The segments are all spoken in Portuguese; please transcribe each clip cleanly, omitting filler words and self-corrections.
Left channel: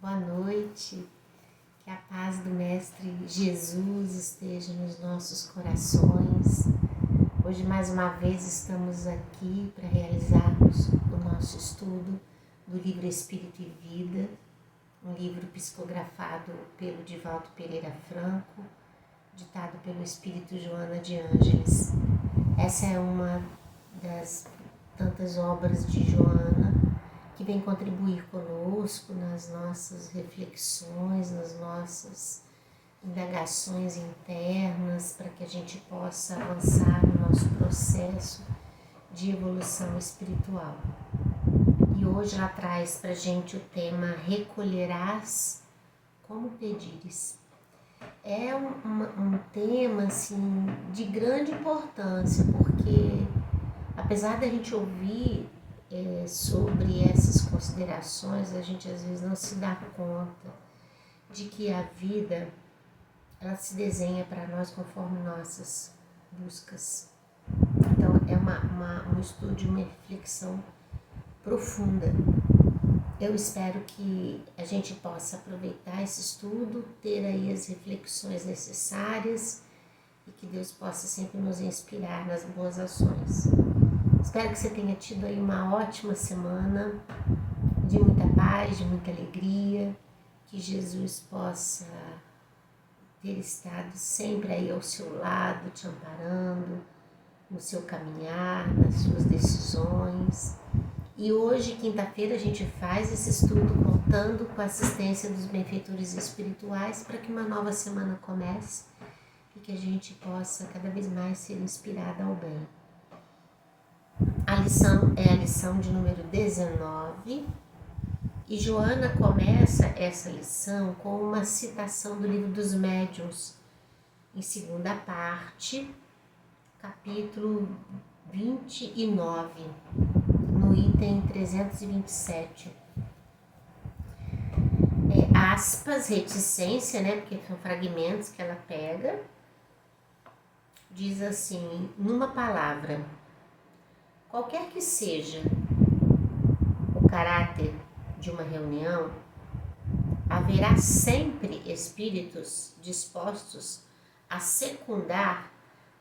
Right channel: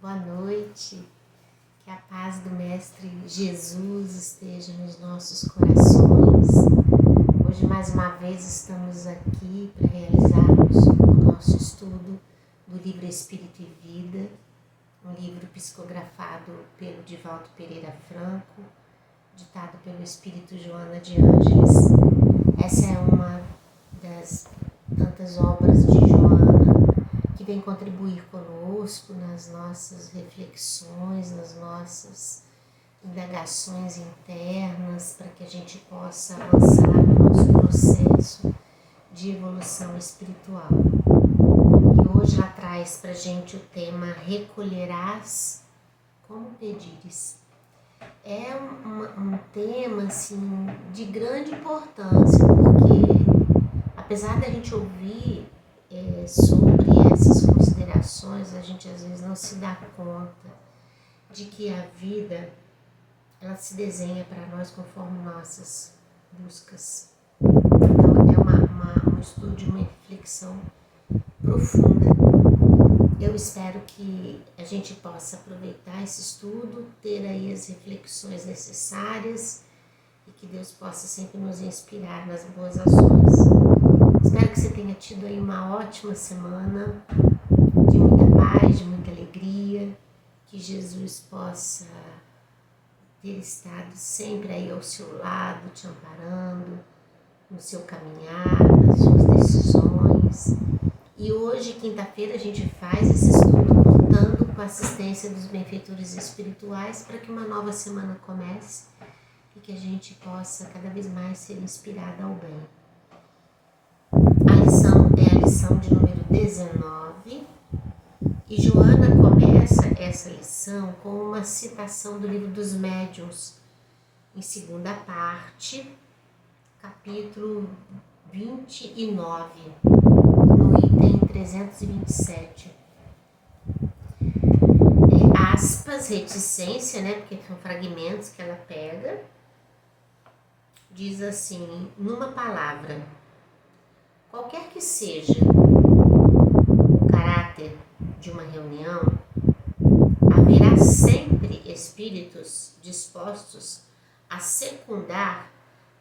Boa noite, que a paz do Mestre Jesus esteja nos nossos corações. Hoje, mais uma vez, estamos aqui para realizarmos o nosso estudo do livro Espírito e Vida, um livro psicografado pelo Divaldo Pereira Franco, ditado pelo Espírito Joana de Ângeles. Essa é uma das tantas obras de Joana que vem contribuir conosco nas nossas reflexões, nas nossas indagações internas, para que a gente possa avançar no nosso processo de evolução espiritual. E hoje ela traz para a gente o tema Recolherás como pedires. É um tema assim, de grande importância, porque apesar da gente ouvir sobre essas considerações, a gente às vezes não se dá conta de que a vida ela se desenha para nós conforme nossas buscas. Então é um estudo, uma reflexão profunda. Eu espero que a gente possa aproveitar esse estudo, ter aí as reflexões necessárias e que Deus possa sempre nos inspirar nas boas ações. Espero que você tenha tido aí uma ótima semana, de muita paz, de muita alegria, que Jesus possa ter estado sempre aí ao seu lado, te amparando, no seu caminhar, nas suas decisões. E hoje, quinta-feira, a gente faz esse estudo contando com a assistência dos benfeitores espirituais para que uma nova semana comece e que a gente possa cada vez mais ser inspirada ao bem. A lição é a lição de número 19 e Joana começa essa lição com uma citação do Livro dos Médiuns, em segunda parte, capítulo 29, no item 327. Aspas, reticência, né, porque são fragmentos que ela pega, diz assim, numa palavra, qualquer que seja o caráter de uma reunião, haverá sempre espíritos dispostos a secundar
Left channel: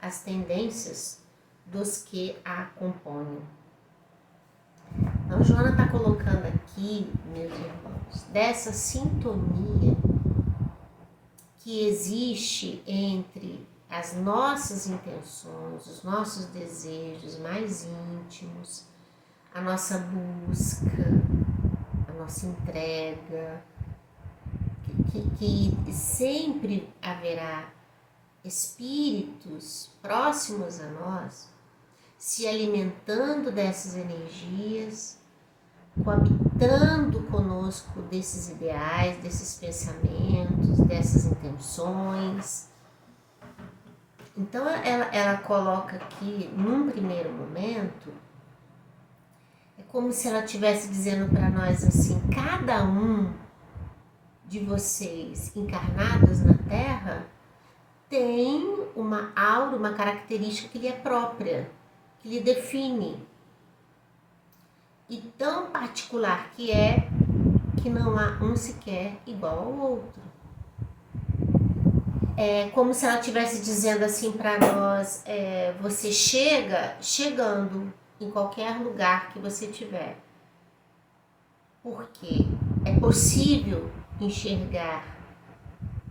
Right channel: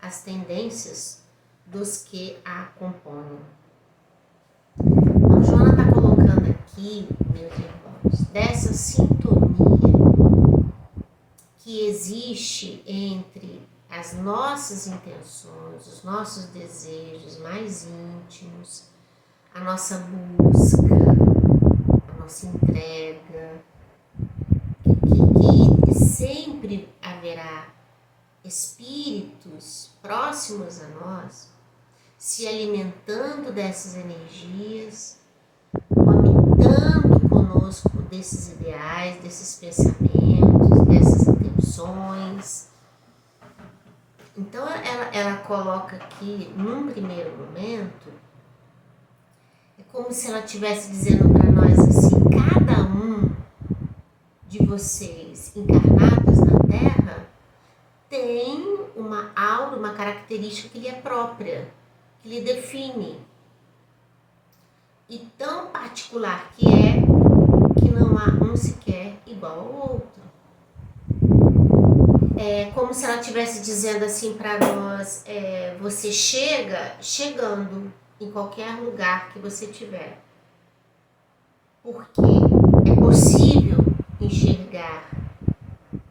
as tendências dos que a compõem. Então, Joana está colocando aqui, meus irmãos, dessa sintonia que existe entre as nossas intenções, os nossos desejos mais íntimos, a nossa busca, a nossa entrega, que sempre haverá espíritos próximos a nós se alimentando dessas energias, coabitando conosco desses ideais, desses pensamentos, dessas intenções. Então ela coloca aqui, num primeiro momento, é como se ela estivesse dizendo para nós assim, cada um de vocês encarnados na Terra tem uma aura, uma característica que lhe é própria, que lhe define. E tão particular que é, que não há um sequer igual ao outro. É como se ela estivesse dizendo assim para nós, você chegando em qualquer lugar que você tiver, porque é possível enxergar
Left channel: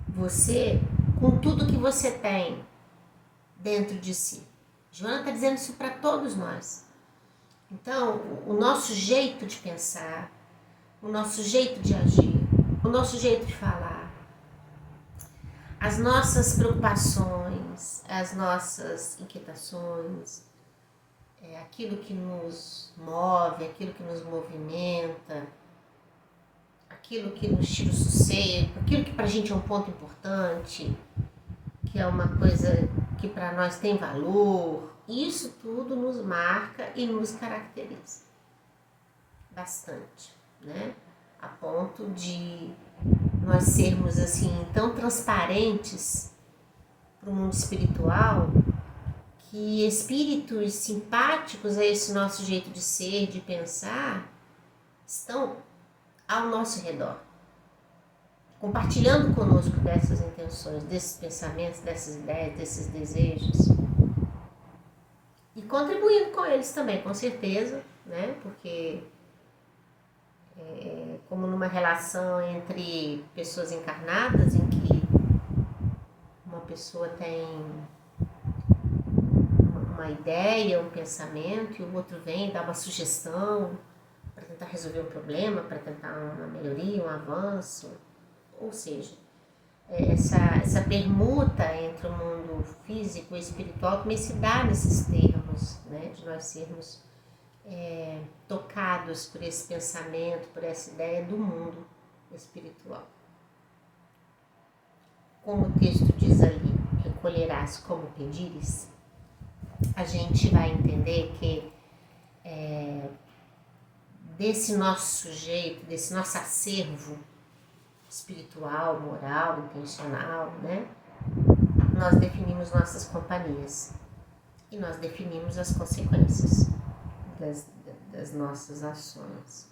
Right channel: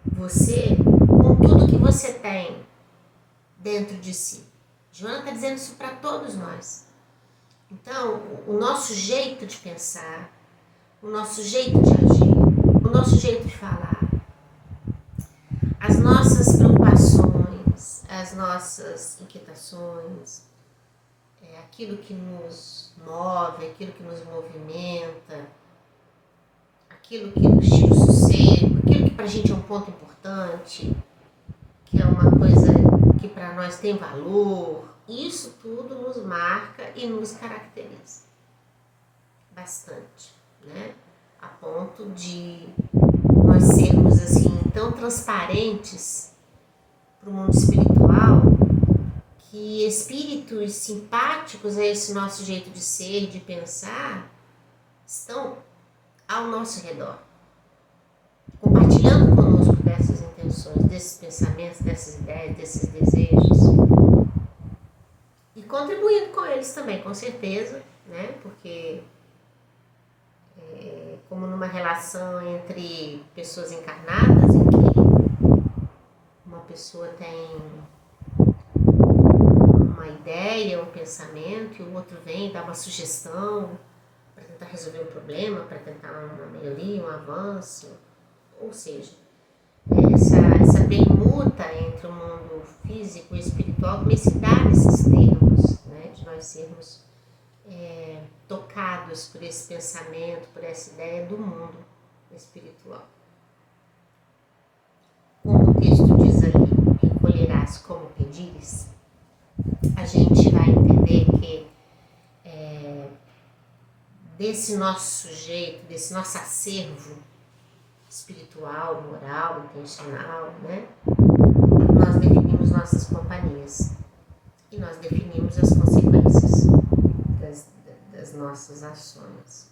você com tudo que você tem dentro de si. Joana está dizendo isso para todos nós. Então, o nosso jeito de pensar, o nosso jeito de agir, o nosso jeito de falar, as nossas preocupações, as nossas inquietações, aquilo que nos move, aquilo que nos movimenta, aquilo que nos tira o sossego, aquilo que pra gente é um ponto importante, que é uma coisa que para nós tem valor, isso tudo nos marca e nos caracteriza bastante, né? A ponto de nós sermos assim tão transparentes para o mundo espiritual que espíritos simpáticos a esse nosso jeito de ser, de pensar, estão ao nosso redor. dessas intenções, desses pensamentos, dessas ideias, desses desejos. E contribuindo com eles também, com certeza, né? Porque como numa relação entre pessoas encarnadas, em que uma pessoa tem uma ideia, um pensamento, e o outro vem dar uma sugestão para tentar resolver um problema, para tentar uma melhoria, um avanço. Ou seja, essa permuta entre o mundo físico e espiritual também se dá nesses termos, né? De nós sermos tocados por esse pensamento, por essa ideia do mundo espiritual. Como o texto diz ali, recolherás como pedires, a gente vai entender que desse nosso sujeito, desse nosso acervo espiritual, moral, intencional, né? Nós definimos nossas companhias e nós definimos as consequências das nossas ações.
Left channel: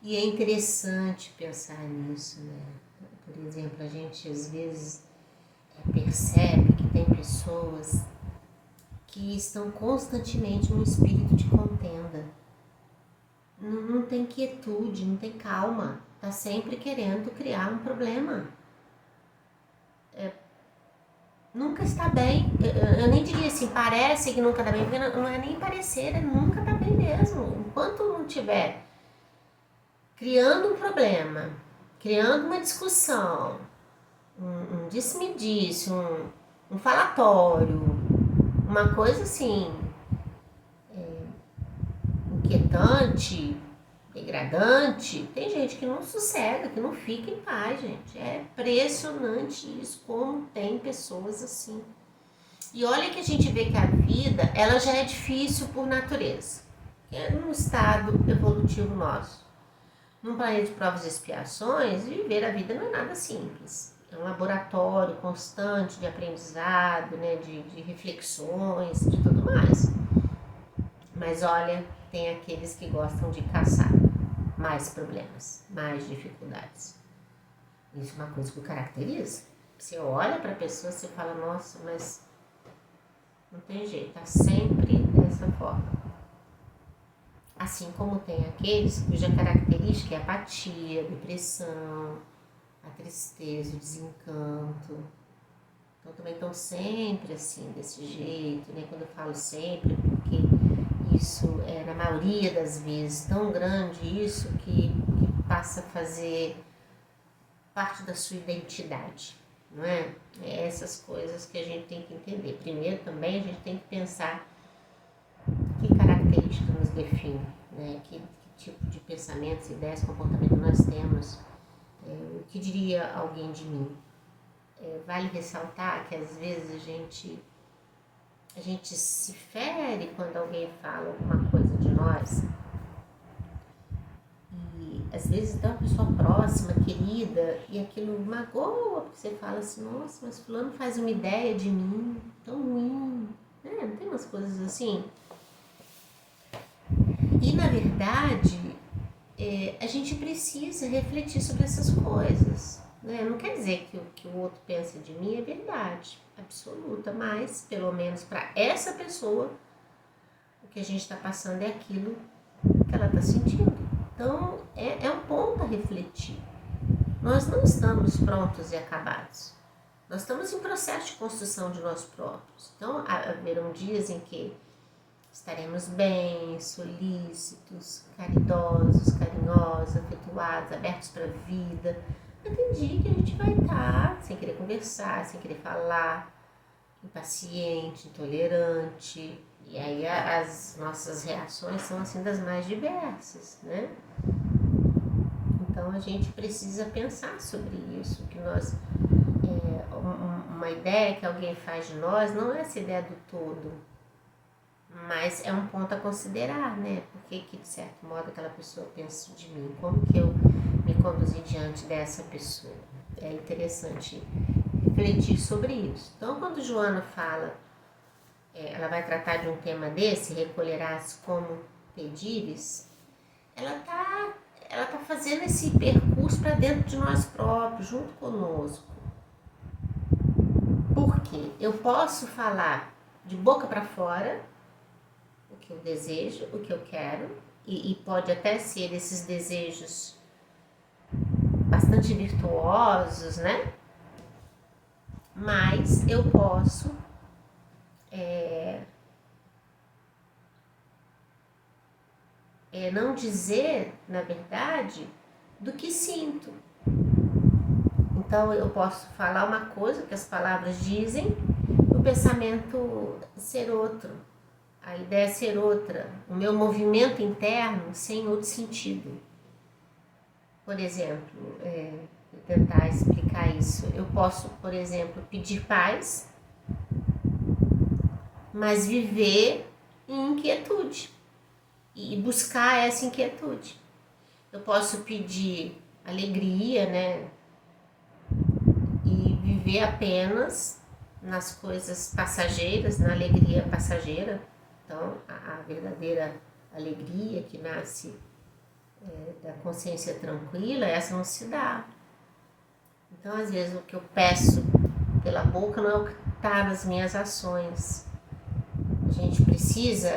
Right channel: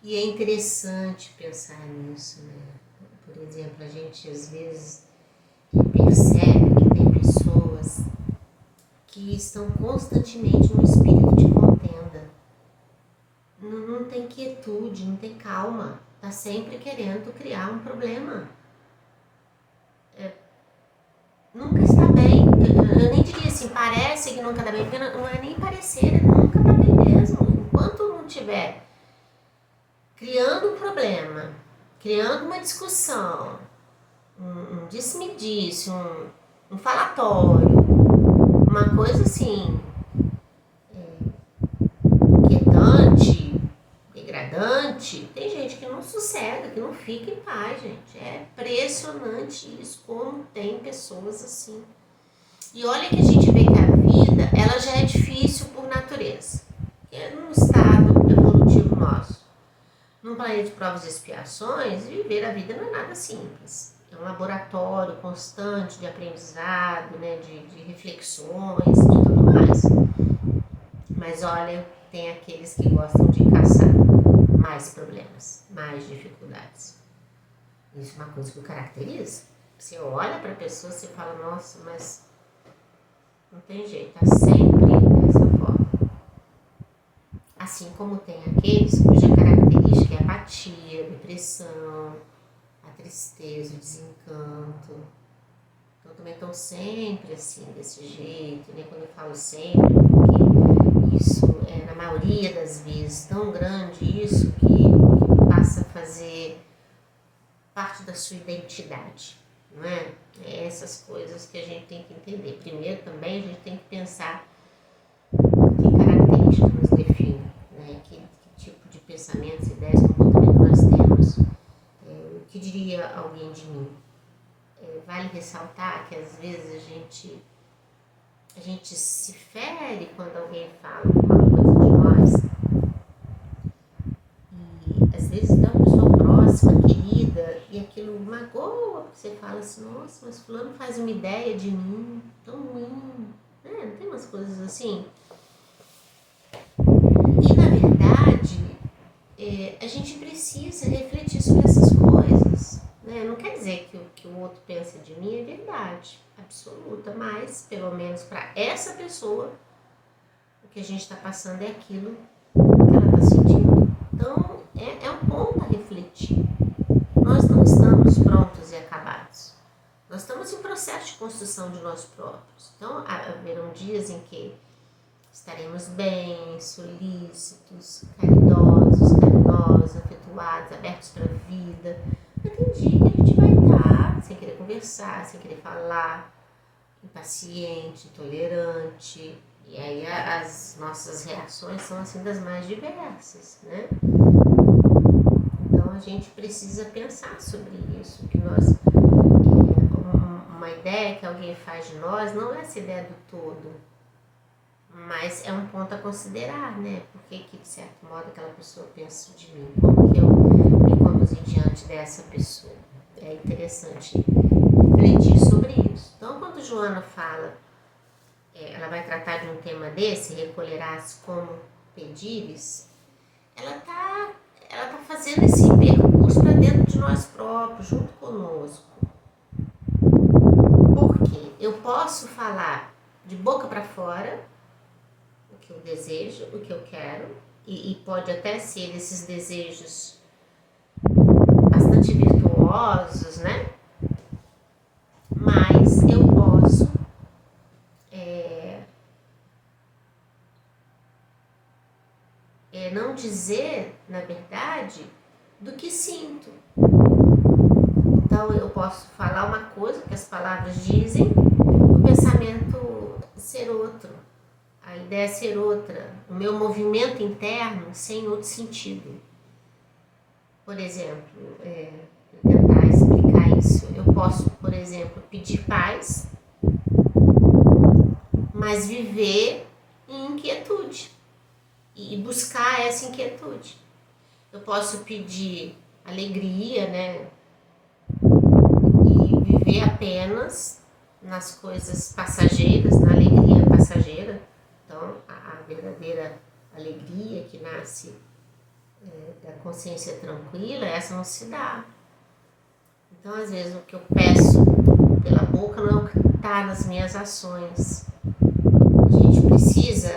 E é interessante pensar nisso, né? Por exemplo, a gente às vezes percebe que tem pessoas que estão constantemente num espírito de contenda. Não tem quietude, não tem calma. Está sempre querendo criar um problema. Nunca está bem. Eu nem diria assim, parece que nunca está bem, porque não é nem parecer, é nunca está bem mesmo. Enquanto não tiver criando um problema, criando uma discussão, um disse-me-disse, um falatório, uma coisa assim, inquietante, degradante, tem gente que não sossega, que não fica em paz, gente. É impressionante isso, como tem pessoas assim. E olha que a gente vê que a vida, ela já é difícil por natureza. É num estado evolutivo nosso. Num planeta de provas e expiações, viver a vida não é nada simples. É um laboratório constante de aprendizado, né, de reflexões, de tudo mais. Mas olha, tem aqueles que gostam de caçar mais problemas, mais dificuldades. Isso é uma coisa que o caracteriza. Você olha para a pessoa e você fala, nossa, mas não tem jeito, tá sempre dessa forma. Assim como tem aqueles cuja característica é a apatia, a depressão, a tristeza, o desencanto. Então também estão sempre assim, desse jeito, né? Quando eu falo sempre, porque isso é na maioria das vezes tão grande isso que passa a fazer parte da sua identidade, não é? É essas coisas que a gente tem que entender. Primeiro também a gente tem que pensar que característica nos define, né? Que tipo de pensamentos, ideias, comportamento nós temos. O que diria alguém de mim? Vale ressaltar que às vezes a gente se fere quando alguém fala alguma coisa de nós. E às vezes dá uma pessoa próxima, querida, e aquilo magoa, porque você fala assim, nossa, mas fulano faz uma ideia de mim tão ruim, né? Não tem umas coisas assim? E na verdade, a gente precisa refletir sobre essas coisas, né? Não quer dizer que o que o outro pensa de mim é verdade absoluta, mas pelo menos para essa pessoa o que a gente está passando é aquilo que ela está sentindo. Então é um ponto a refletir. Nós não estamos prontos e acabados. Nós estamos em processo de construção de nós próprios. Então haverão dias em que estaremos bem, solícitos, caridosos, carinhosos, afetuados, abertos para a vida. Mas tem dia que a gente vai estar sem querer conversar, sem querer falar, impaciente, intolerante. E aí as nossas reações são assim das mais diversas, né? Então a gente precisa pensar sobre isso, que nós uma ideia que alguém faz de nós não é essa ideia do todo, mas é um ponto a considerar, né? Porque que de certo modo aquela pessoa pensa de mim, como que eu me conduzi diante dessa pessoa. É interessante refletir sobre isso. Então quando Joana fala, ela vai tratar de um tema desse, recolherás como pedires, ela tá fazendo esse percurso para dentro de nós próprios, junto conosco. Porque eu posso falar de boca para fora o que eu desejo, o que eu quero, e pode até ser esses desejos bastante virtuosos, né? Mas eu posso não dizer, na verdade, do que sinto. Então eu posso falar uma coisa que as palavras dizem, o pensamento ser outro, a ideia ser outra, o meu movimento interno sem outro sentido. Por exemplo, tentar explicar isso, eu posso, por exemplo, pedir paz, mas viver em inquietude e buscar essa inquietude. Eu posso pedir alegria, né? E viver apenas nas coisas passageiras, na alegria passageira. Então, a verdadeira alegria que nasce da consciência tranquila, essa não se dá. Então, às vezes, o que eu peço pela boca não é o que está nas minhas ações. A gente precisa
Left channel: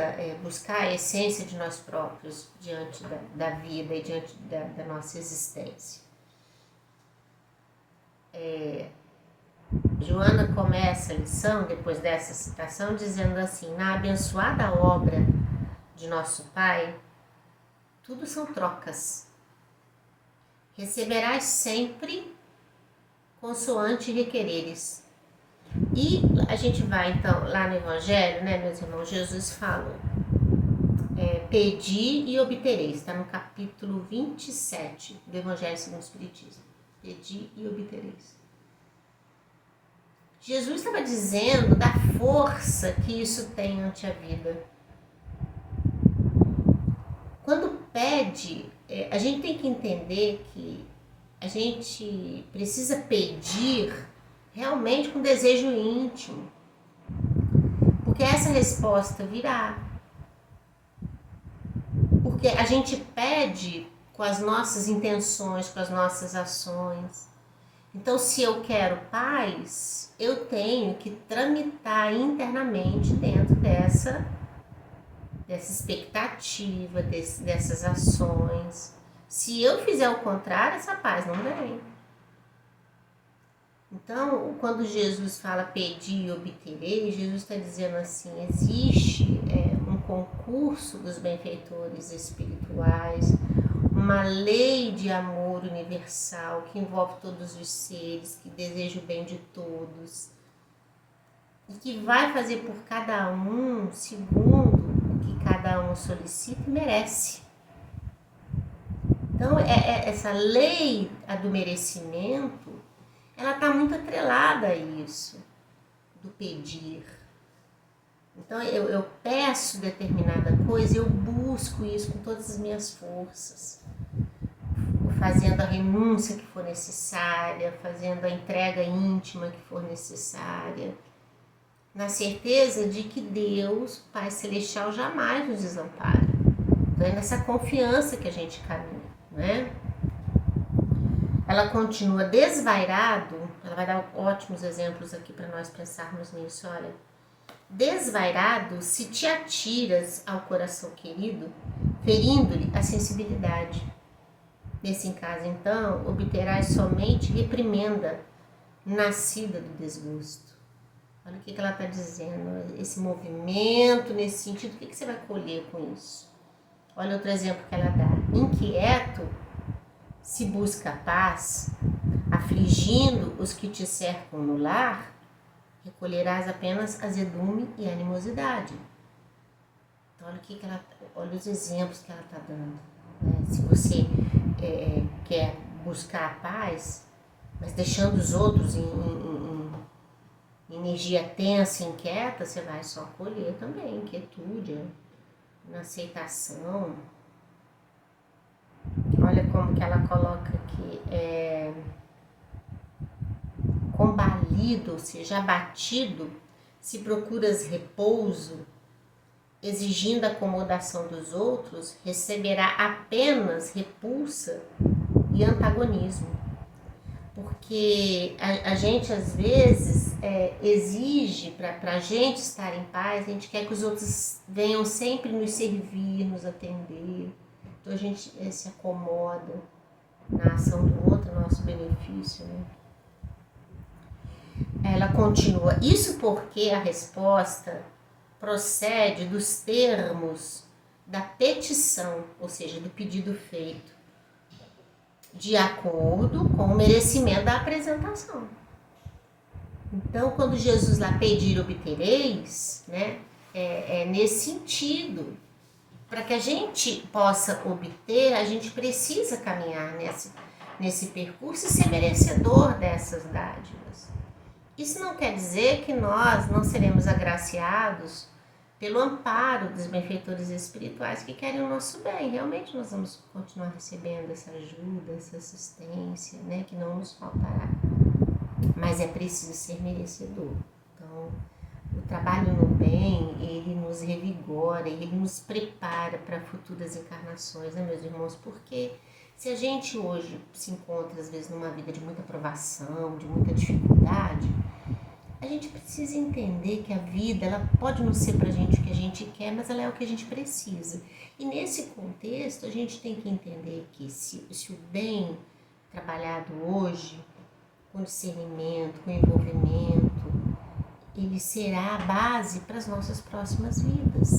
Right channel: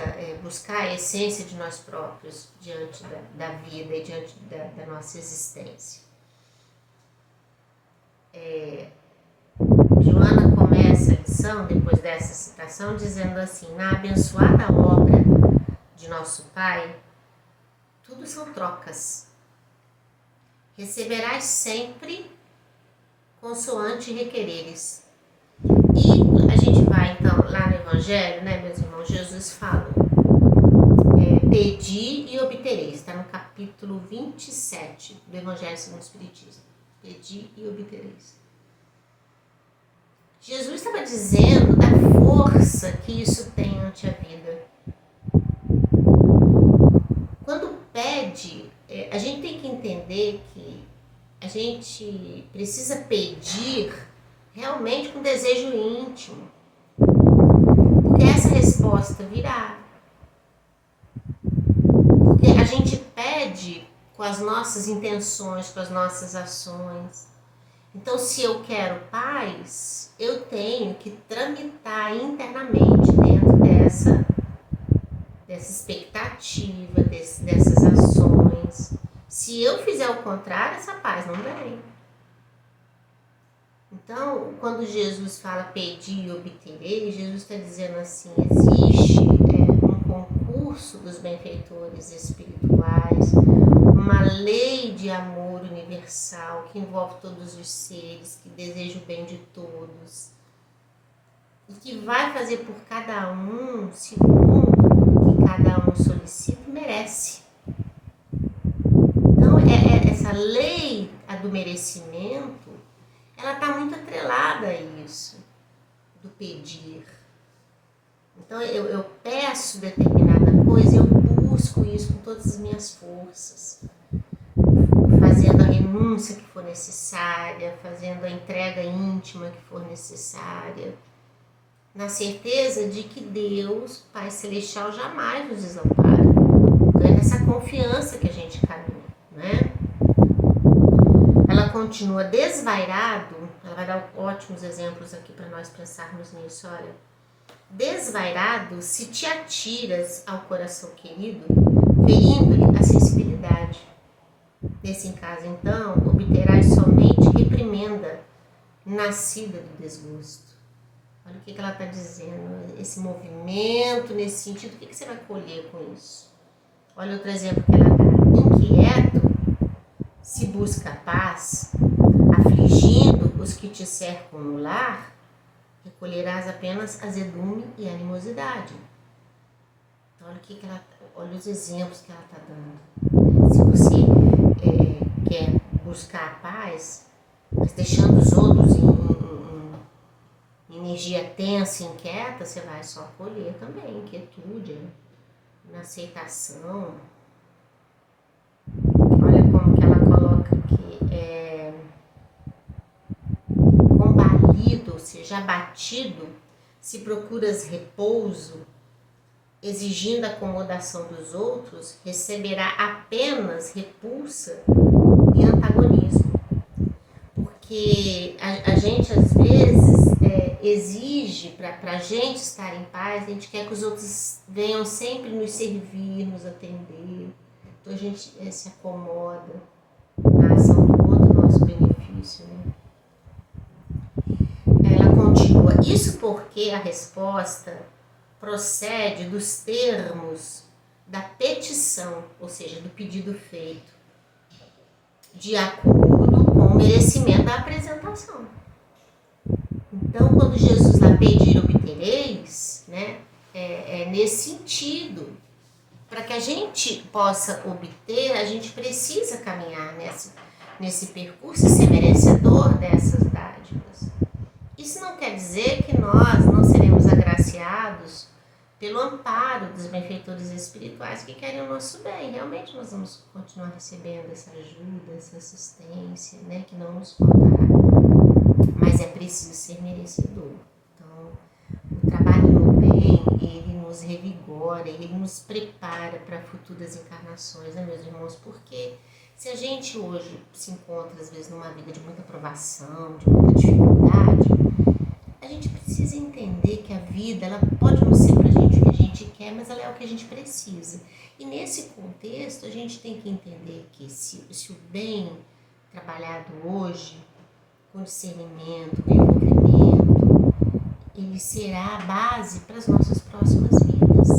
buscar a essência de nós próprios diante da vida e diante da nossa existência. Joana começa a lição, depois dessa citação, dizendo assim: na abençoada obra de nosso Pai, tudo são trocas. Receberás sempre consoante requereres. E a gente vai então lá no Evangelho, né, meus irmãos? Jesus falou: pedi e obtereis. Está no capítulo 27 do Evangelho segundo o Espiritismo. Pedi e obtereis. Jesus estava dizendo da força que isso tem ante a vida. Quando pede, a gente tem que entender que a gente precisa pedir realmente com desejo íntimo, porque essa resposta virá. Porque a gente pede com as nossas intenções, com as nossas ações. Então, se eu quero paz, eu tenho que tramitar internamente dentro dessa expectativa, dessas ações. Se eu fizer o contrário, essa paz não vem. Então, quando Jesus fala pedir e obterei, Jesus está dizendo assim: existe um concurso dos benfeitores espirituais, uma lei de amor universal que envolve todos os seres, que deseja o bem de todos e que vai fazer por cada um segundo o que cada um solicita e merece. Então, essa lei do merecimento, ela está muito atrelada a isso, do pedir. Então, eu peço determinada coisa, eu busco isso com todas as minhas forças, fazendo a renúncia que for necessária, fazendo a entrega íntima que for necessária, na certeza de que Deus, Pai Celestial, jamais nos desampara. Então, é nessa confiança que a gente caminha, né? Ela continua: desvairado, ela vai dar ótimos exemplos aqui para nós pensarmos nisso, olha. Desvairado, se te atiras ao coração querido, ferindo-lhe a sensibilidade. Nesse caso, então, obterás somente reprimenda nascida do desgosto. Olha o que ela está dizendo, esse movimento, nesse sentido, o que você vai colher com isso? Olha outro exemplo que ela dá: inquieto, se busca paz, afligindo os que te cercam no lar, recolherás apenas azedume e animosidade. Então, olha os exemplos que ela está dando. Se você quer buscar a paz, mas deixando os outros em energia tensa e inquieta, você vai só colher também inquietude, inaceitação. Olha como que ela coloca aqui, combalido, ou seja, abatido, se procuras repouso, exigindo a acomodação dos outros, receberá apenas repulsa e antagonismo. Porque a gente, às vezes, exige, para a gente estar em paz, a gente quer que os outros venham sempre nos servir, nos atender. Então, a gente se acomoda na ação do outro, nosso benefício, né? Ela continua. Isso porque a resposta procede dos termos da petição, ou seja, do pedido feito, de acordo com o merecimento da apresentação. Então, quando Jesus lá pedir obtereis, né, é nesse sentido. Para que a gente possa obter, a gente precisa caminhar nesse percurso e ser merecedor dessas dádivas. Isso não quer dizer que nós não seremos agraciados pelo amparo dos benfeitores espirituais que querem o nosso bem. Realmente nós vamos continuar recebendo essa ajuda, essa assistência, né, que não nos faltará. Mas é preciso ser merecedor. Então, o trabalho no bem, ele nos revigora, ele nos prepara para futuras encarnações, né, meus irmãos? Porque se a gente hoje se encontra, às vezes, numa vida de muita provação, de muita dificuldade, a gente precisa entender que a vida, ela pode não ser para a gente o que a gente quer, mas ela é o que a gente precisa. E nesse contexto, a gente tem que entender que se o bem trabalhado hoje, com discernimento, com envolvimento, ele será a base para as nossas próximas vidas,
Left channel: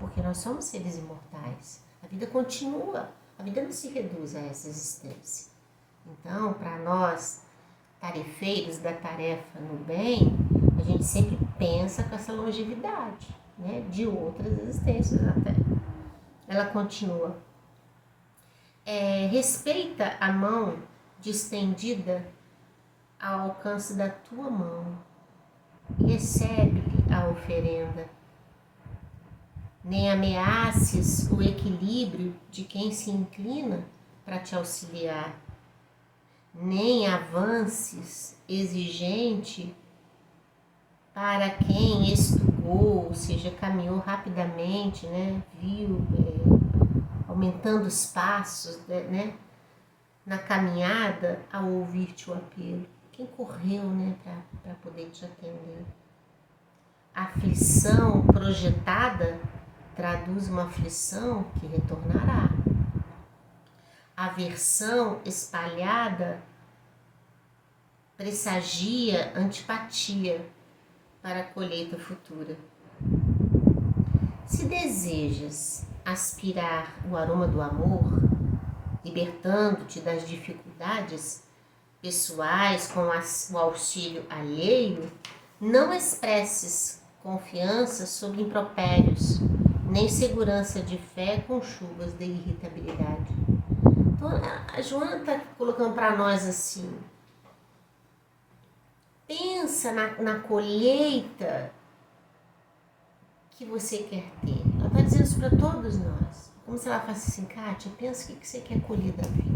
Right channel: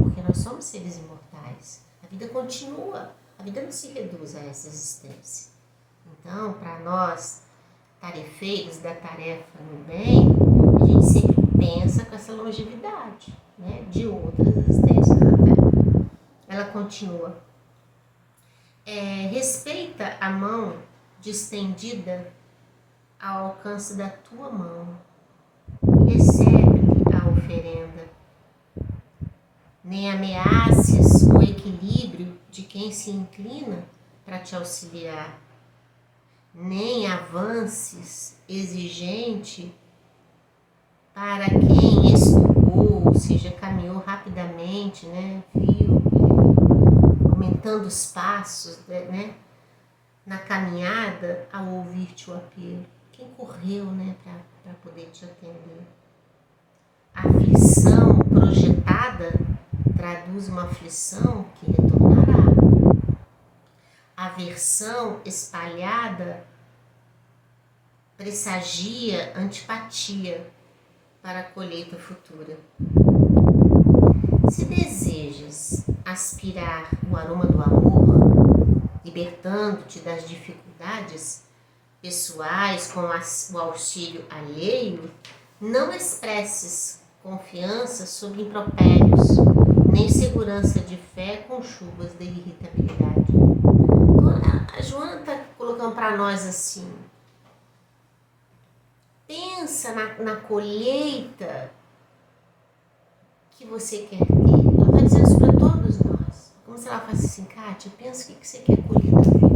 porque nós somos seres imortais. A vida continua, a vida não se reduz a essa existência. Então, para nós, tarefeiros da tarefa no bem, a gente sempre pensa com essa longevidade, né, de outras existências até. Ela continua. Respeita a mão distendida ao alcance da tua mão e recebe-lhe a oferenda. Nem ameaces o equilíbrio de quem se inclina para te auxiliar, nem avances exigente para quem estugou, ou seja, caminhou rapidamente, né, viu, aumentando os passos, né, na caminhada ao ouvir-te o apelo. Quem correu, né, para poder te atender. A aflição projetada traduz uma aflição que retornará. A aversão espalhada pressagia antipatia para a colheita futura. Se desejas aspirar o aroma do amor, libertando-te das dificuldades pessoais com o auxílio alheio, não expresses confiança sob impropérios, nem segurança de fé com chuvas de irritabilidade. Então, a Joana está colocando para nós assim, pensa na colheita que você quer ter. Ela está dizendo isso para todos nós. Como se ela falasse assim, Kátia, pensa o que você quer colher da vida.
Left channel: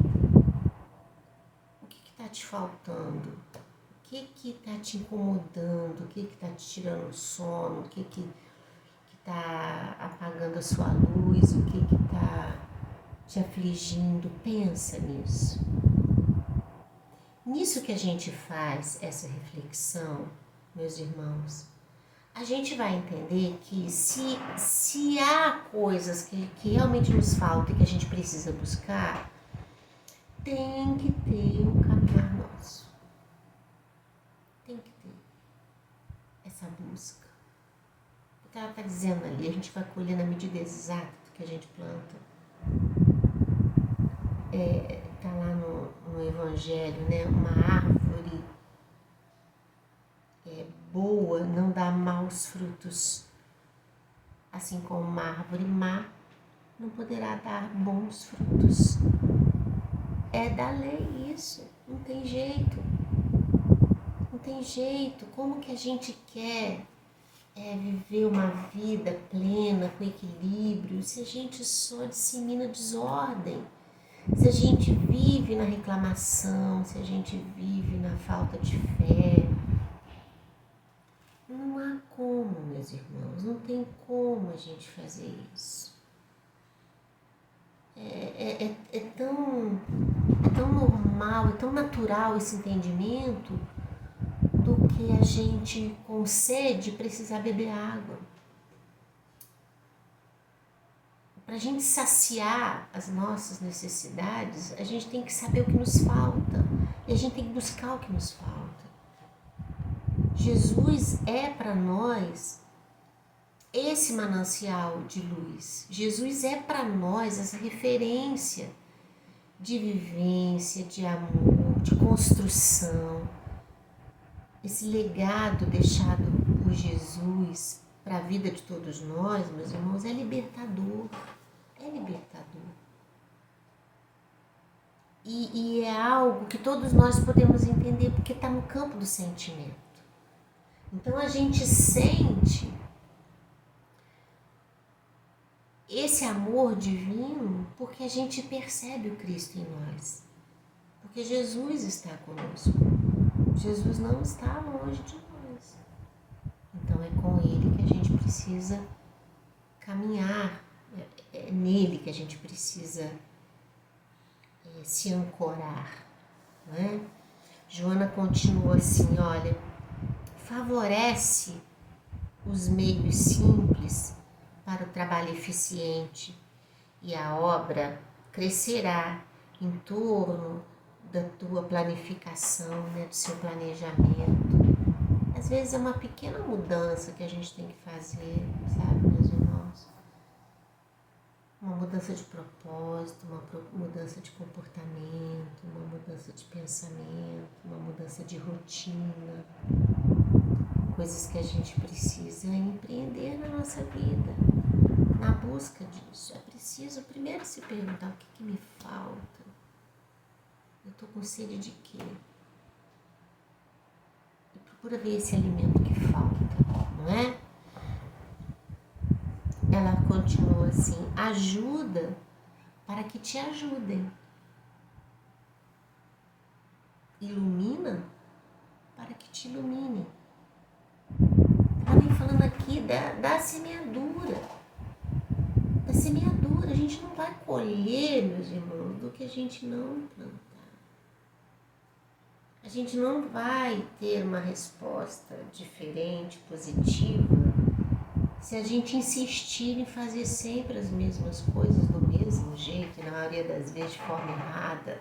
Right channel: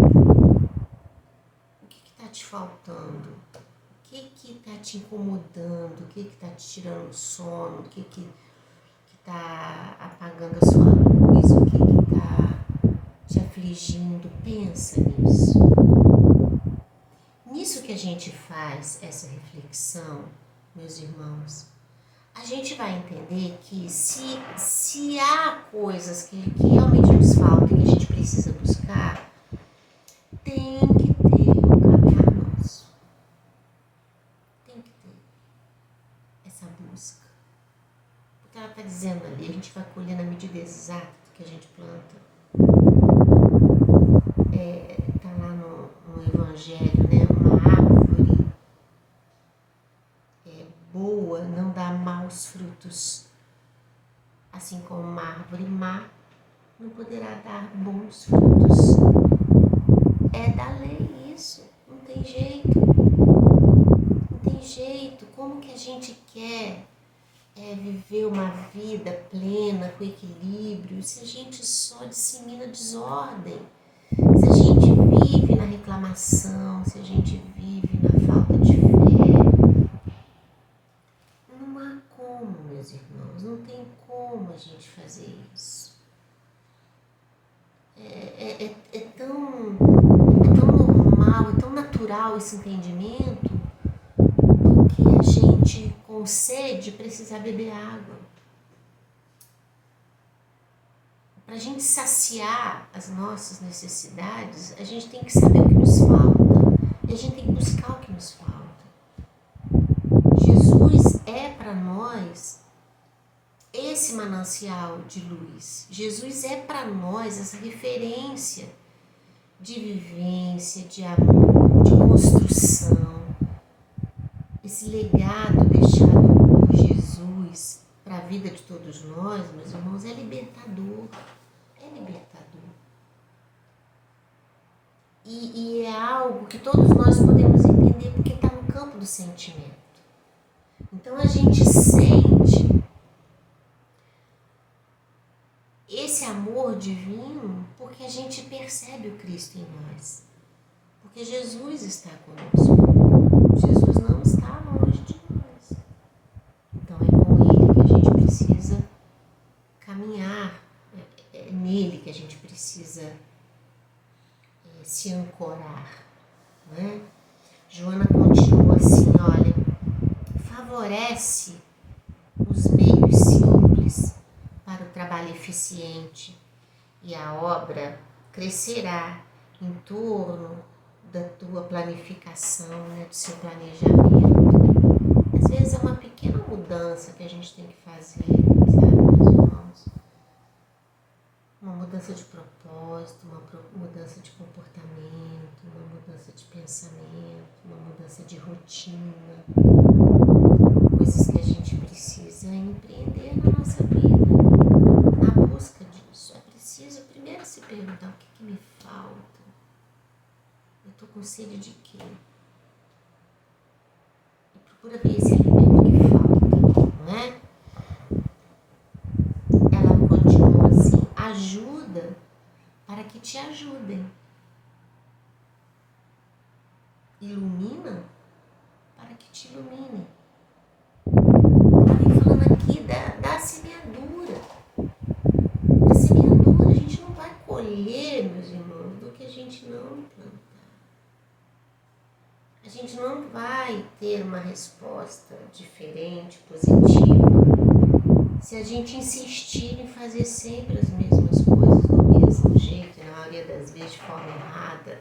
O que está te faltando? O que está te incomodando? O que está te tirando o sono? O que está apagando a sua luz? O que está te afligindo? Pensa nisso. Nisso que a gente faz essa reflexão, meus irmãos, a gente vai entender que se há coisas que realmente nos faltam e que a gente precisa buscar, tem que ter um caminhar nosso. Tem que ter essa busca. Porque ela está dizendo ali, a gente vai colher na medida exata do que a gente planta. Está lá no Evangelho, né? Uma árvore boa não dá maus frutos, assim como uma árvore má não poderá dar bons frutos. É da lei isso, não tem jeito. Não tem jeito. Como que a gente quer viver uma vida plena, com equilíbrio, se a gente só dissemina desordem? Se a gente vive na reclamação, se a gente vive na falta de fé, não há como, meus irmãos, não tem como. como a gente fazer isso. É tão normal, é tão natural esse entendimento do que a gente, com sede, precisar beber água. Para a gente saciar as nossas necessidades, a gente tem que saber o que nos falta e a gente tem que buscar o que nos falta. Jesus é para nós esse manancial de luz. Jesus é para nós essa referência de vivência, de amor, de construção. Esse legado deixado por Jesus para a vida de todos nós, meus irmãos, é libertador. É libertador. E é algo que todos nós podemos entender porque está no campo do sentimento. Então a gente sente esse amor divino porque a gente percebe o Cristo em nós. Porque Jesus está conosco. Jesus não está longe de nós. Então é com Ele que a gente precisa caminhar. É nele que a gente precisa se ancorar, né? Joana continua assim, olha, favorece os meios simples para o trabalho eficiente e a obra crescerá em torno da tua planificação, né, do seu planejamento. Às vezes é uma pequena mudança que a gente tem que fazer, sabe, meus irmãos? Uma mudança de propósito, uma mudança de comportamento, uma mudança de pensamento, uma mudança de rotina. Coisas que a gente precisa empreender na nossa vida. Na busca disso, é preciso primeiro se perguntar o que me falta. Eu estou com sede de quê? E procura ver esse alimento que falta, não é? Ela continua assim, ajuda para que te ajudem. Ilumina para que te ilumine. Ela vem falando aqui da semeadura. Da semeadura. A gente não vai colher, meus irmãos, do que a gente não plantar. A gente não vai ter uma resposta diferente, positiva, se a gente insistir em fazer sempre as mesmas coisas do mesmo jeito, e na maioria das vezes de forma errada.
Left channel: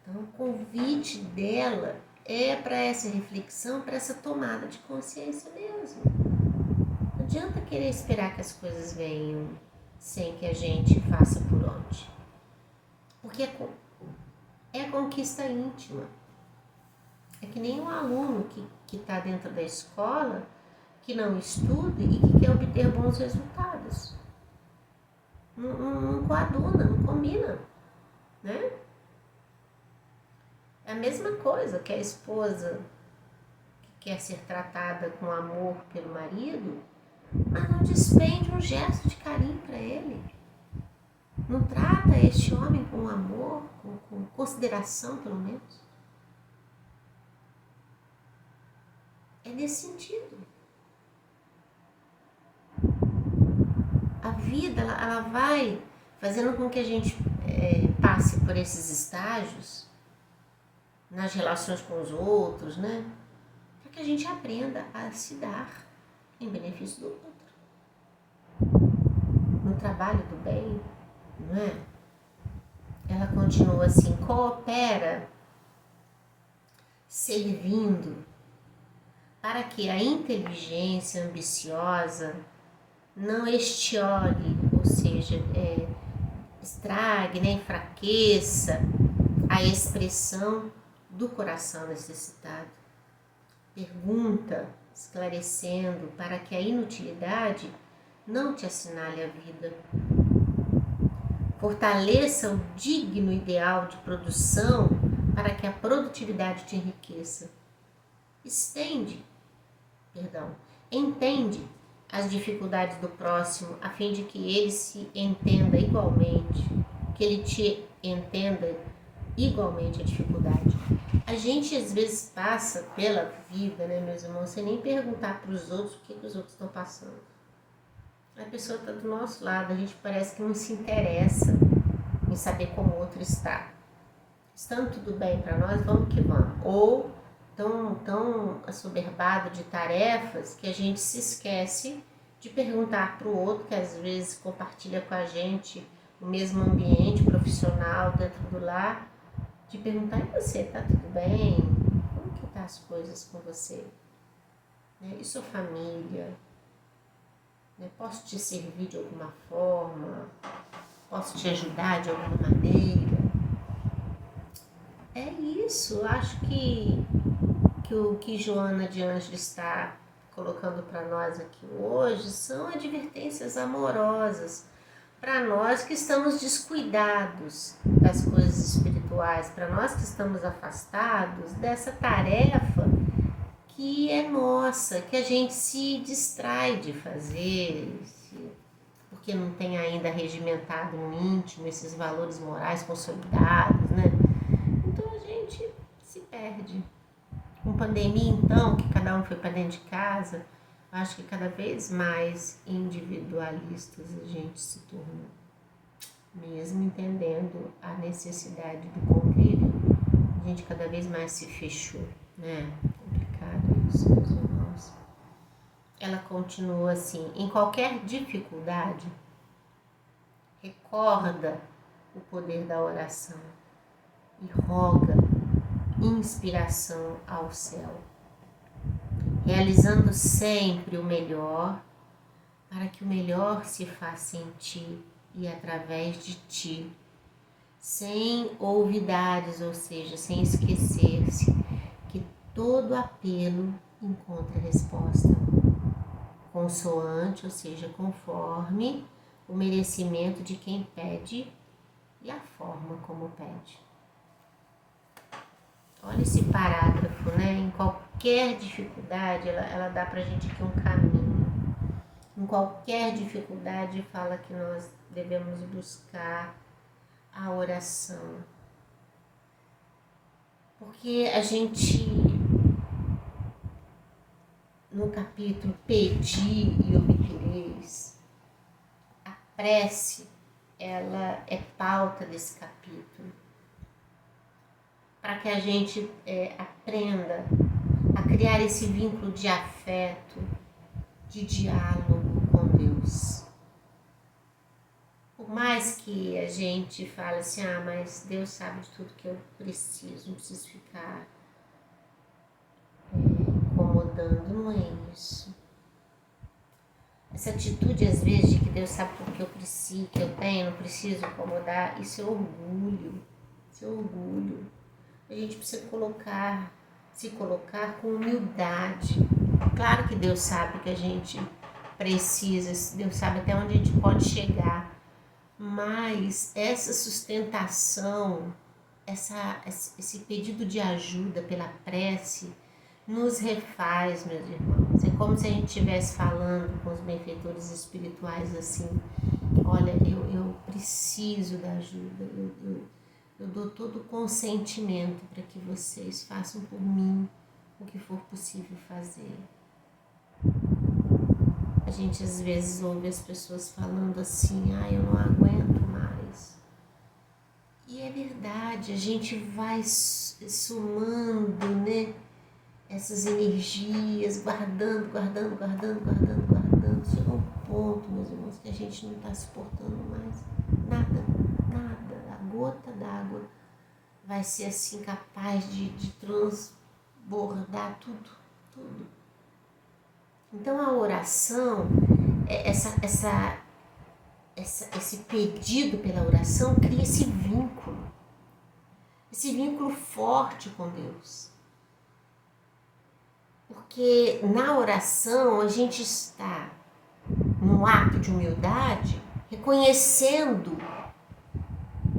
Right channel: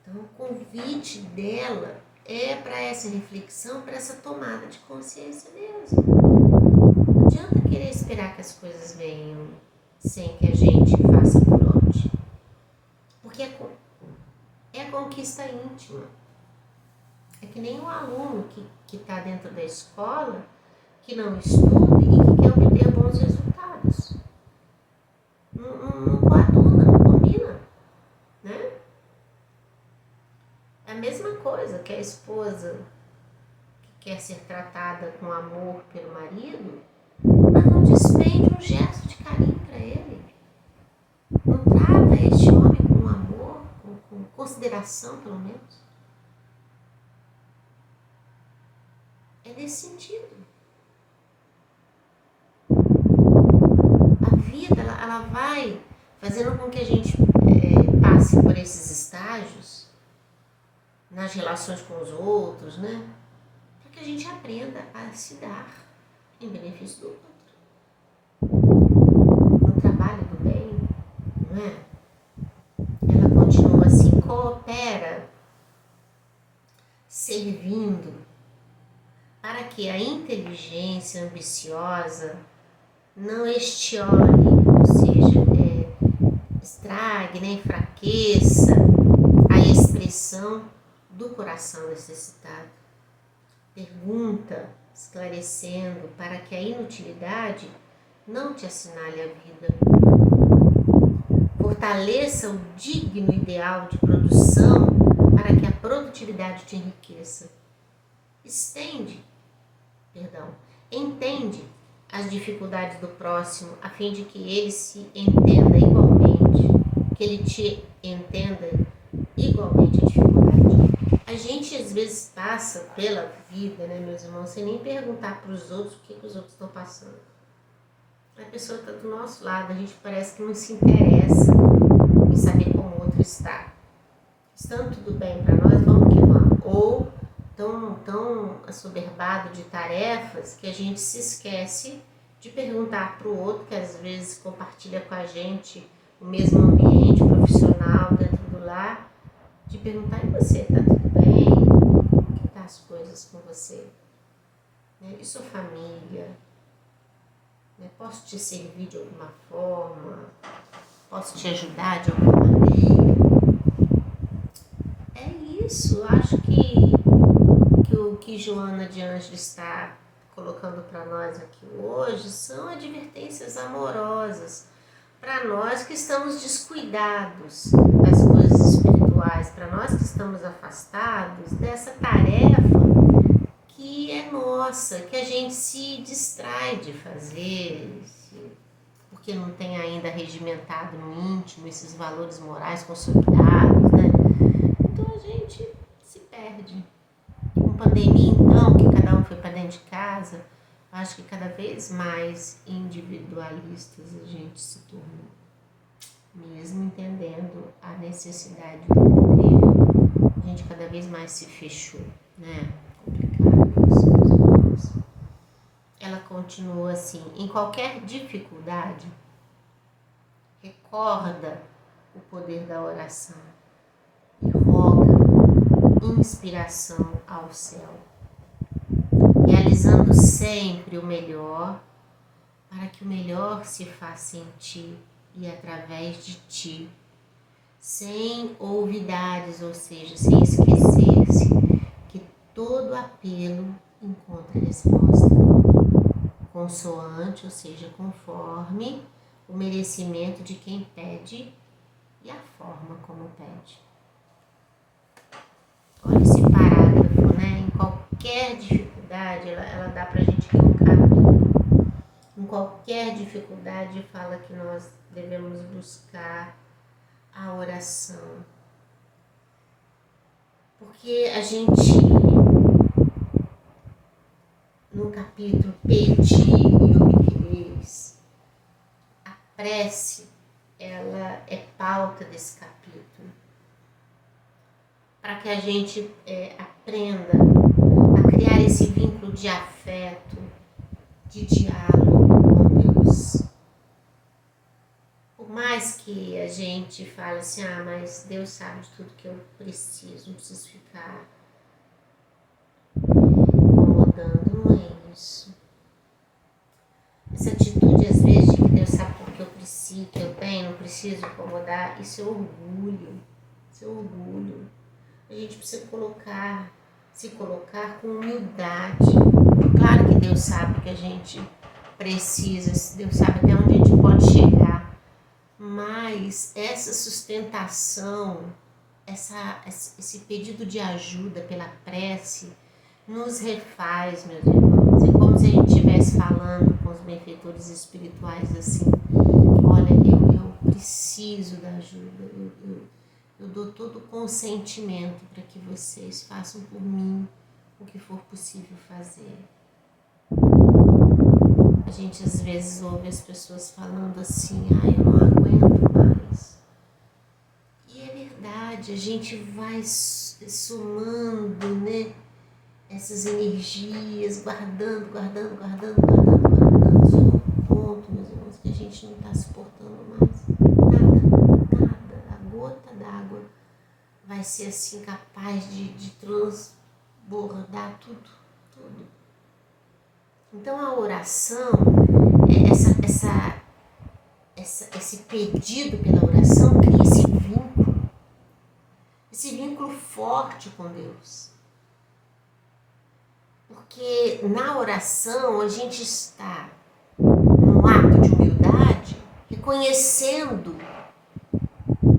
Então, o convite dela é para essa reflexão, para essa tomada de consciência mesmo. Não adianta querer esperar que as coisas venham sem que a gente faça por onde. Porque é conquista íntima. É que nem um aluno que está dentro da escola, que não estuda e que quer obter bons resultados. Não coaduna, não combina, né? É a mesma coisa que a esposa que quer ser tratada com amor pelo marido, mas não despende um gesto de carinho para ele. Não trata este homem com amor, com consideração pelo menos. É nesse sentido. A vida, ela vai fazendo com que a gente passe por esses estágios nas relações com os outros, né? Para que a gente aprenda a se dar em benefício do outro. No trabalho do bem, não é? Ela continua assim, coopera, servindo, para que a inteligência ambiciosa não estiole, ou seja, estrague, né, enfraqueça a expressão do coração necessitado. Pergunta, esclarecendo, para que a inutilidade não te assinale a vida. Fortaleça o digno ideal de produção para que a produtividade te enriqueça. Entende as dificuldades do próximo, a fim de que ele se entenda igualmente, que ele te entenda igualmente a dificuldade. A gente às vezes passa pela vida, né, meus irmãos, sem nem perguntar para os outros o que os outros estão passando. A pessoa está do nosso lado, a gente parece que não se interessa em saber como o outro está. Estando tudo bem para nós, vamos que vamos. Ou tão assoberbado de tarefas que a gente se esquece de perguntar para o outro, que às vezes compartilha com a gente o mesmo ambiente profissional dentro do lar, de perguntar: e você, tá tudo bem? Como que tá as coisas com você? E sua família? Posso te servir de alguma forma? Posso te ajudar de alguma maneira? É isso, acho que o que Joana de Ângelo está colocando para nós aqui hoje são advertências amorosas para nós que estamos descuidados das coisas espirituais, para nós que estamos afastados dessa tarefa que é nossa, que a gente se distrai de fazer, porque não tem ainda regimentado no íntimo esses valores morais consolidados, né? Então a gente se perde. Com pandemia, então, que cada um foi para dentro de casa, acho que cada vez mais individualistas a gente se tornou. Mesmo entendendo a necessidade do convívio, a gente cada vez mais se fechou, né? Complicado isso, meus irmãos. Ela continua assim: em qualquer dificuldade, recorda o poder da oração e roga inspiração ao céu, realizando sempre o melhor, para que o melhor se faça em ti e através de ti, sem olvidares, ou seja, sem esquecer-se que todo apelo encontra resposta, consoante, ou seja, conforme o merecimento de quem pede e a forma como pede. Olha esse parágrafo, né? Em qualquer dificuldade, ela dá pra gente aqui um caminho. Em qualquer dificuldade, fala que nós devemos buscar a oração. Porque a gente, no capítulo Pedi e obtereis, a prece, ela é pauta desse capítulo. Para que a gente aprenda a criar esse vínculo de afeto, de diálogo com Deus. Por mais que a gente fale assim: mas Deus sabe de tudo que eu preciso, não preciso ficar incomodando, não é isso. Essa atitude às vezes de que Deus sabe tudo que eu preciso, que eu tenho, não preciso incomodar, isso é orgulho, A gente precisa se colocar com humildade. Claro que Deus sabe que a gente precisa, Deus sabe até onde a gente pode chegar, mas essa sustentação, esse pedido de ajuda pela prece, nos refaz, meus irmãos. É como se a gente estivesse falando com os benfeitores espirituais assim: olha, eu preciso da ajuda, eu dou todo o consentimento para que vocês façam por mim o que for possível fazer. A gente às vezes ouve as pessoas falando assim: eu não aguento mais. E é verdade, a gente vai somando, né, essas energias, guardando. Chega um ponto, meus irmãos, que a gente não está suportando mais nada. A gota d'água vai ser assim capaz de transbordar tudo. Então a oração, esse pedido pela oração cria esse vínculo forte com Deus. Porque na oração a gente está num ato de humildade, reconhecendo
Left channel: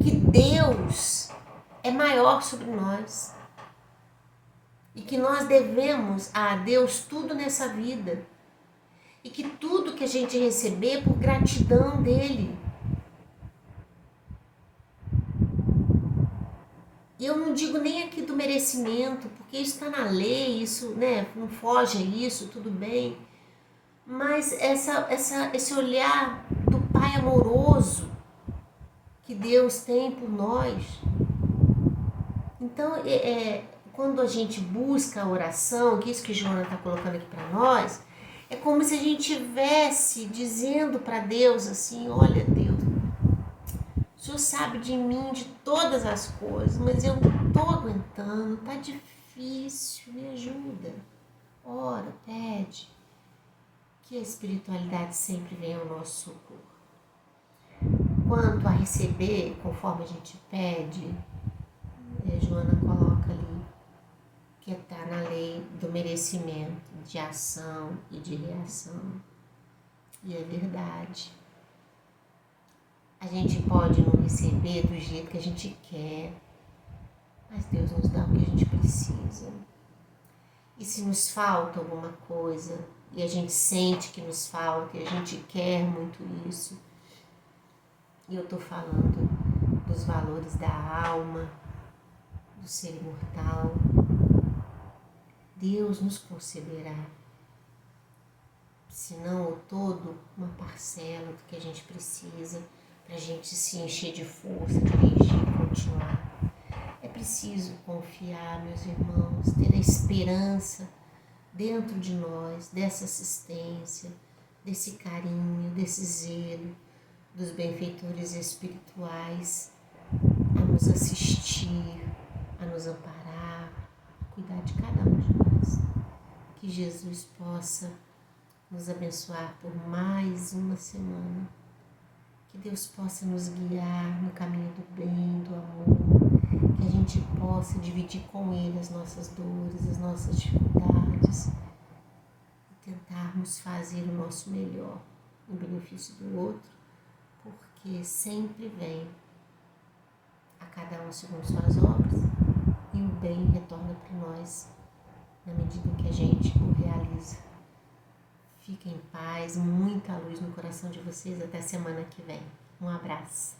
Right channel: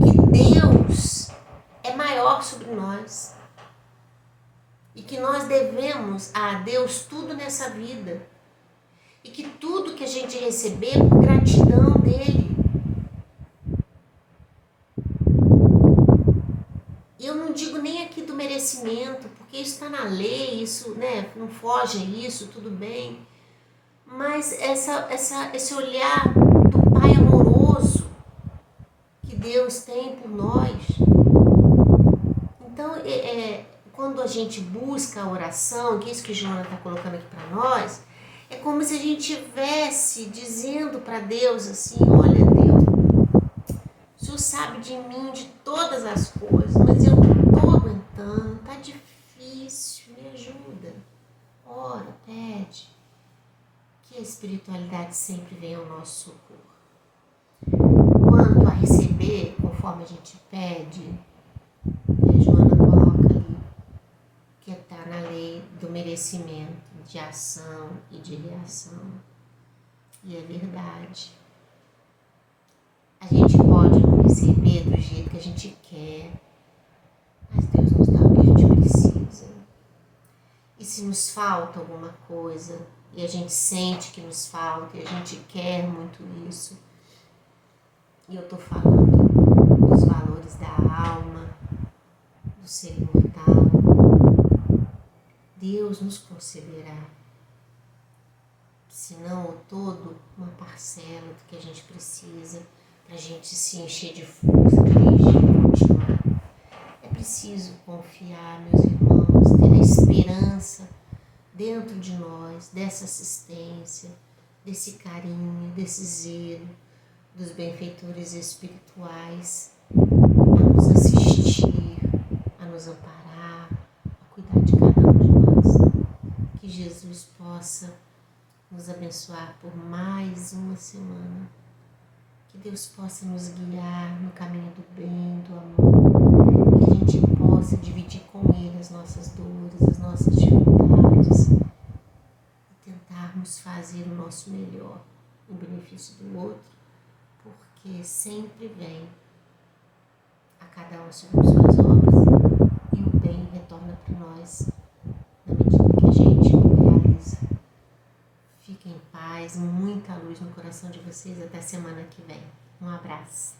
que Deus é maior sobre nós e que nós devemos a Deus tudo nessa vida e que tudo que a gente receber é por gratidão dele. E eu não digo nem aqui do merecimento, porque isso está na lei, isso, né, não foge a isso, tudo bem. mas esse olhar do Pai amoroso que Deus tem por nós. Então, quando a gente busca a oração, que é isso que Joana está colocando aqui para nós, é como se a gente estivesse dizendo para Deus assim: olha, Deus, o Senhor sabe de mim, de todas as coisas, mas eu não estou aguentando, tá difícil, me ajuda. Ora, pede, que a espiritualidade sempre venha ao nosso socorro. Quanto a receber, conforme a gente pede, a Joana coloca ali, que está na lei do merecimento, de ação e de reação. E é verdade. A gente pode não receber do jeito que a gente quer, mas Deus nos dá o que a gente precisa. E se nos falta alguma coisa, e a gente sente que nos falta, e a gente quer muito isso, e eu estou falando dos valores da alma, do ser imortal, Deus nos concederá, se não o todo, uma parcela do que a gente precisa para a gente se encher de força, de energia e continuar. É preciso confiar, meus irmãos, ter a esperança dentro de nós, dessa assistência, desse carinho, desse zelo dos benfeitores espirituais a nos assistir, a nos amparar, a cuidar de cada um de nós. Que Jesus possa nos abençoar por mais uma semana. Que Deus possa nos guiar no caminho do bem, do amor. Que a gente possa dividir com Ele as nossas dores, as nossas dificuldades. E tentarmos fazer o nosso melhor em benefício do outro, porque sempre vem a cada um segundo suas obras e o bem retorna para nós na medida que a gente o realiza. Fiquem em paz, muita luz no coração de vocês. Até semana que vem. Um abraço.